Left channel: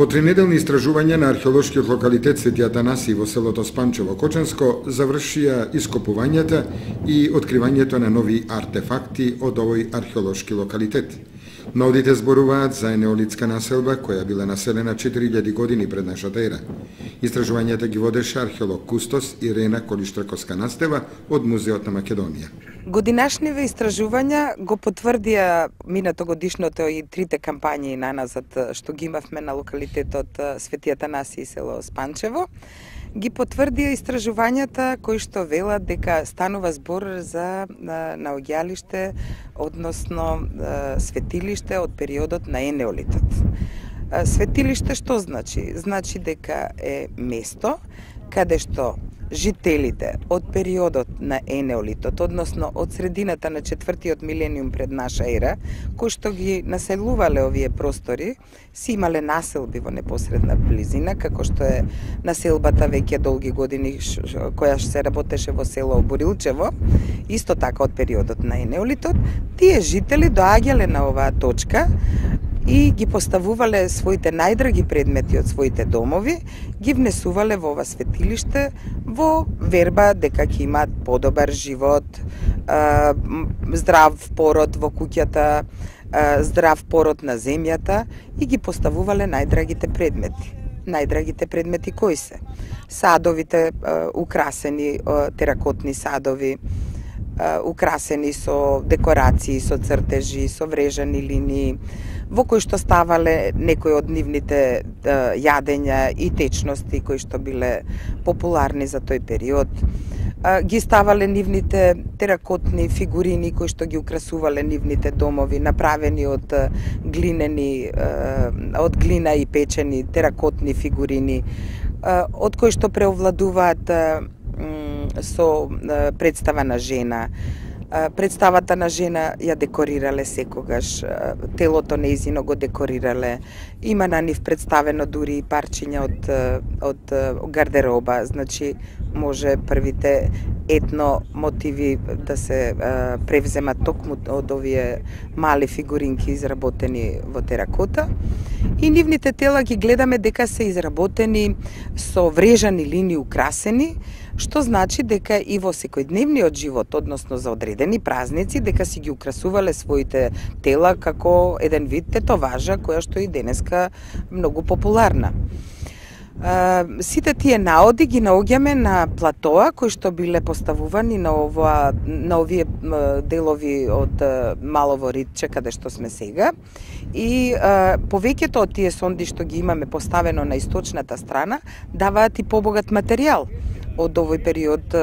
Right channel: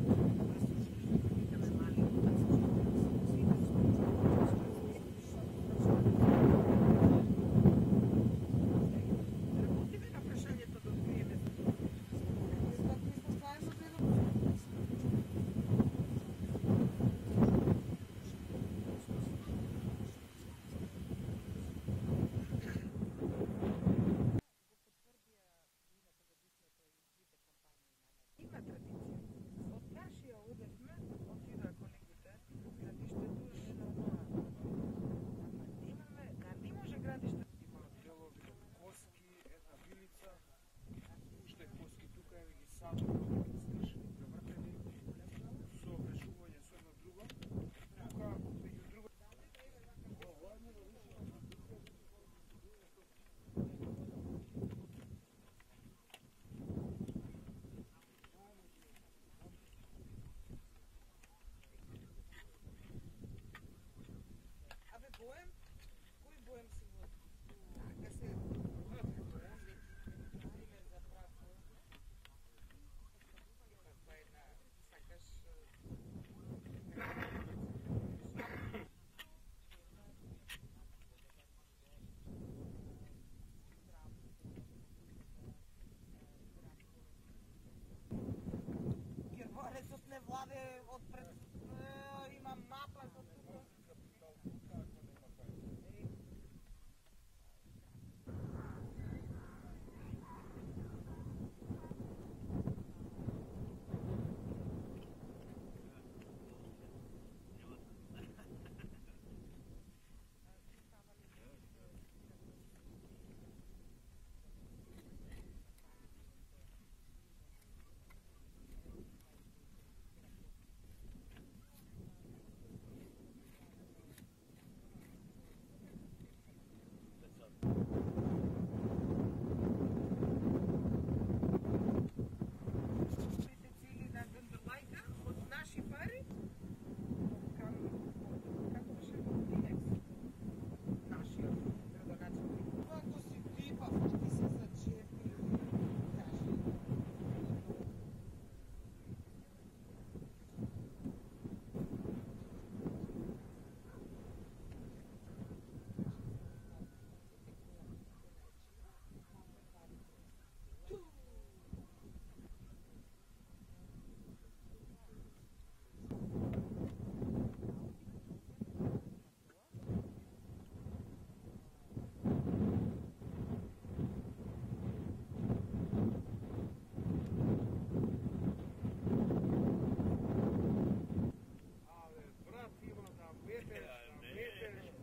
По тринеделни истражувања на археолошкиот локалитет Свети Атанасий во селото Спанчево Кочанско завршија ископувањата и откривањето на нови артефакти од овој археолошки локалитет. Наудите зборуваат за неолитска населба која била населена 4000 години пред нашата ера. Истражувањата ги водеше археолог кустос Ирена Колиштраковска-Настева од Музеот на Македонија. Годинашниве истражувања го потврдија минатогодишното и трите кампањи наназад што ги имавме на локалитетот Свети Атанасий село Спанчево. Ги потврдија истражувањата кои што велат дека станува збор за наоѓалиште, односно светилиште од периодот на енеолитот. Светилиште што значи? Значи дека е место каде што жителите од периодот на енеолитот, односно од средината на 4-тиот милениум пред наша ера, кои што ги населувале овие простори, си имале населби во непосредна близина, како што е населбата веќе долги години која се работеше во село Борилчево, исто така од периодот на енеолитот. Тие жители доаѓале на оваа точка и ги поставувале своите најдраги предмети од своите домови, ги внесувале во ова светилиште во верба дека ќе имаат подобар живот, здрав пород во куќата, здрав пород на земјата и ги поставувале најдрагите предмети. Најдрагите предмети кои се? Садовите украсени теракотни садови, украсени со декорации, со цртежи, со врежани линии, во кои што ставале некои од нивните јадења и течности кои што биле популарни за тој период. Ги ставале нивните теракотни фигурини кои што ги украсувале нивните домови, направени од глина и печени теракотни фигурини, од кои што преовладуваат со представа на жена. Представата на жена ја декорирале секогаш, телото нејзино го декорирале. Има на нив представено дури и парчиња од гардероба, значи може првите етно мотиви да се превземат токму од овие мали фигуринки изработени во теракота. И нивните тела ги гледаме дека се изработени со врежани линии украсени, што значи дека и во секојдневниот живот, односно за одредени празници, дека си ги украсувале своите тела како еден вид тетоважа која што и денеска многу популарна. Сите тие наоди ги наоѓаме на платоа кои што биле поставувани на овие делови од Малово Ридче каде што сме сега. И повеќето од тие сонди што ги имаме поставено на источната страна даваат и побогат материјал од овој период,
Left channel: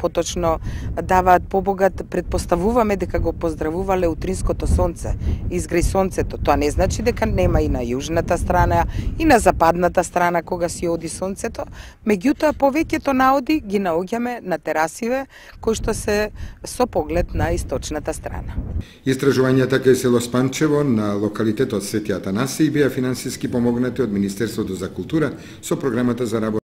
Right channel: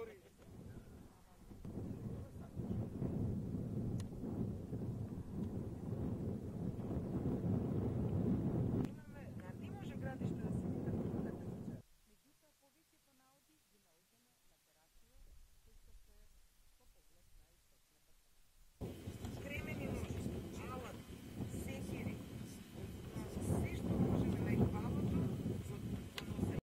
поточно даваат побогат, предпоставуваме дека го поздравувале утринското сонце, изгреј сонцето. Тоа не значи дека нема и на јужната страна и на западната страна кога си оди сонцето, меѓутоа повеќето наоди ги наоѓаме на терасиве кои што се со поглед на источната страна. Истражувањата кај село Спанчево на локалитетот Свети Атанасий беа финансиски помогнати од Министерството за култура со програмата за работа